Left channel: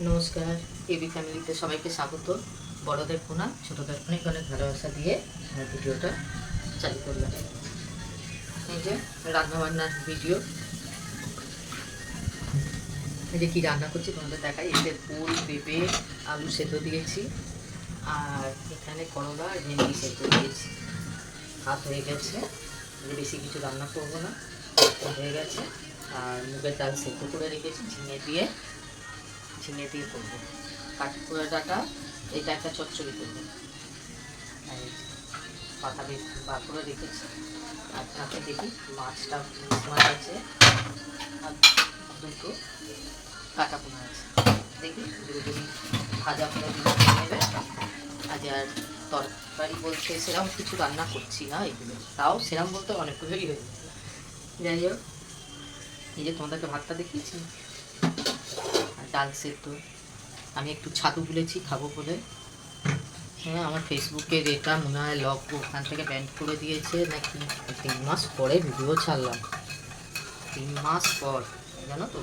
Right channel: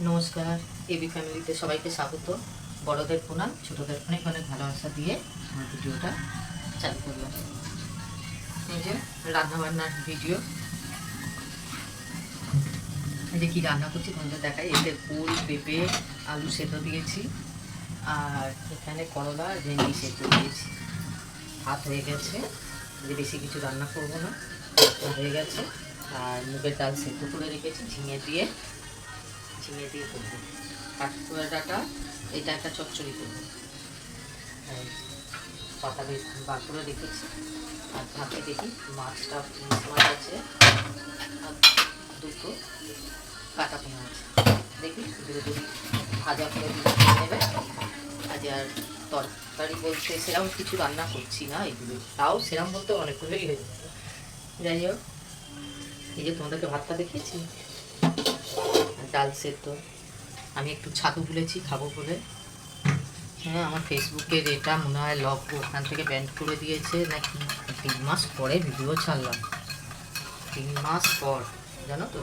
নমস্কার, এবি ফ্যামিলিতে সবাইকে স্বাগত। বড়দের প্রণাম, ছোটদের অনেক অনেক ভালোবাসা দিয়ে আমার ভিডিওটা চালু করলাম। এই যে রান্নাবান্নার ভিডিও, এই যে কী রান্না করছি তোমাদের দেখাই। এতে ফুল, পেঁপে, আলু সেদ্ধ দিয়েছি, আর এখানে করলা আর ভেন্ডি সেদ্ধ দিয়েছি। ভাত হয়ে গেছে, যে বেশি কিছু রান্না করবো না, হয়ে গেছে। আর মুগের ডাল সেদ্ধ করে রেখেছি ঝিঙে দিয়ে করবো। কাঠকোয়া ডাঁটা, এটা একটা চচ্চড়ি করবো। পাতা বেশ বার করে রেখেছি। আর হাতে দেখি মাছটা, মাছ আছে আর দুটো কাটা পোনা আছে। দেখি দুটো যদি ভাজা করে নেবে। আজ আর তরকারি বলতে সেরকম কিছু রান্না করছি না, এগুলো তাও সেরকম বলতে অনেকগুলোই হয়ে যাচ্ছে। যাই হোক, এই যে তোমাদেরকে ভাতটা দেখিয়েছি, ডাল সেদ্ধ। আমি একটু ছাতু তুলেছি খাবো বলে। হ্যাঁ, আমার ফেসবুকের এটা মনে হয় লগ ওখান থেকে ব্যান্ড করে দিয়েছে নাকি। 3 মাস পরে ভিডিও ছাড়লাম, 3 মাস পর, জানো তো,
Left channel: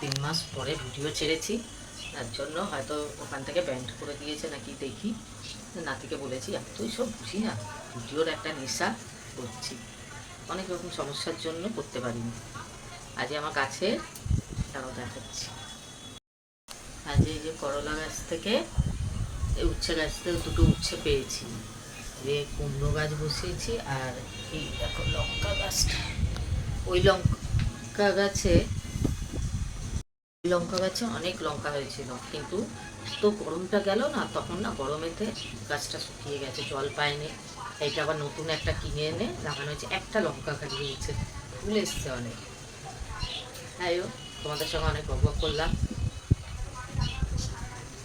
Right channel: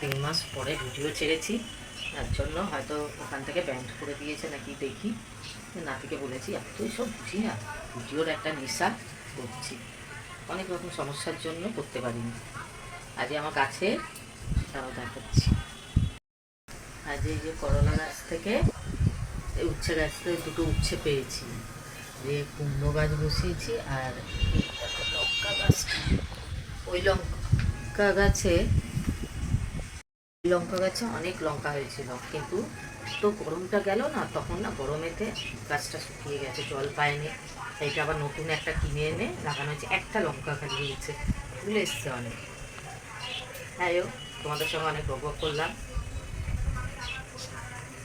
3 মাস পরে ভিডিও ছেড়েছি। তার জন্য হয়তো ওখান থেকে ব্যান্ড করে দিয়েছে নাকি। দেখি, নাতিকে বলেছি এতই সব বুঝি না, ভিডিওর একটা নেশা করছি, অনেক রকম সমস্যার জন্য করতে পারিনি। আজ আমার কাছে তারাও দেখাচ্ছি। আজ এই যে করলা গাছ থেকে, উচ্ছে গাছ থেকে দুটো উচ্ছে পেয়েছি, যে কুমড়ো গাছ বসিয়েছি। আর এই দেখো লঙ্কা গাছটা, ওই লঙ্কা গাছে অনেক লঙ্কা হয়েছিল, কিন্তু তো গরমটা গেল না, তখন না গরমেতে গাছটা শুকিয়ে গেছে, জল পায়নি। এইটা আবার নতুন একটা কিনে এনে লাগানো হয়েছে। একটা লঙ্কা খালি হয়েছে, ফুল এসছে অনেক। তাই তোমাদের সঙ্গে অনেক বক করলাম।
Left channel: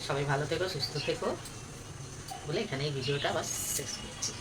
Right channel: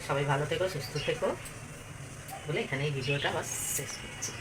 সবাই ভালো থেকো, সুস্থ থেকো বলে এখানে এই ভিডিওটা আবার শেষ করছি।